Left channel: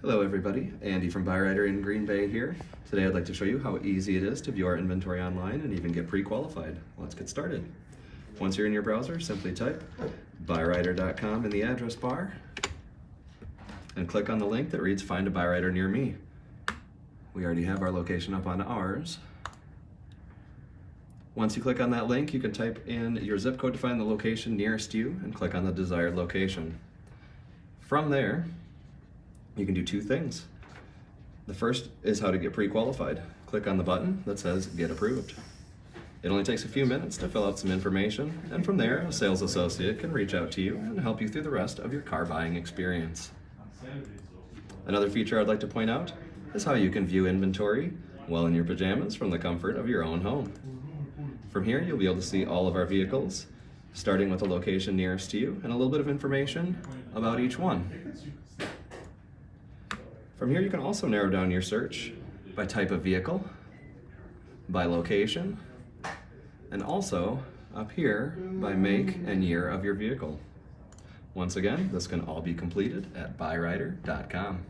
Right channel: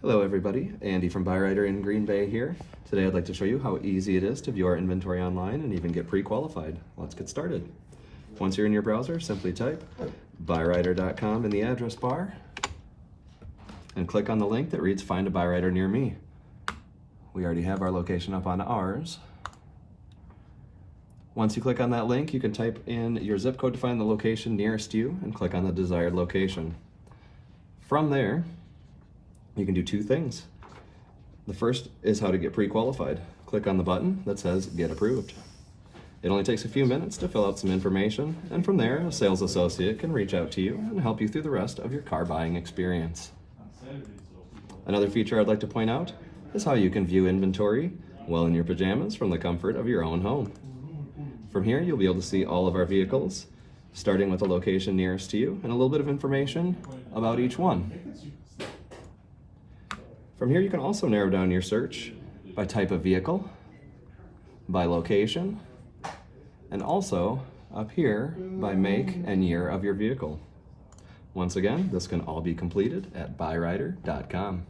Hello everybody, Andy from Byrider in Green Bay here. Today I'd like to show you how easy it is to view our inventory online and even get pre-qualified. Let's get started. Once you're in your browser, simply type byrider.com in the address bar and click on the link that reads Find a Byrider near me. We already have our location up on ours. Once you click on that link, you can type in your zip code to find the location nearest you and click on the desired location. From there, you can do two things. The first is how to get pre-qualified. Click on the button that says Get Approved. It only takes a few minutes to fill out some information, and from there, a sales associate can reach out to you and help you through the rest of your car buying experience. Another feature I'd like to point out is how you can view inventory while in your pajamas from the comfort of your own home. From here, you'll be able to see all of our vehicles, starting with the location nearest to you and a little bit of information about each one. From here, you can also narrow down your search by type of vehicle, by location, and also up here by make and year of your vehicle. Once again, this can all be completed at byrider.com.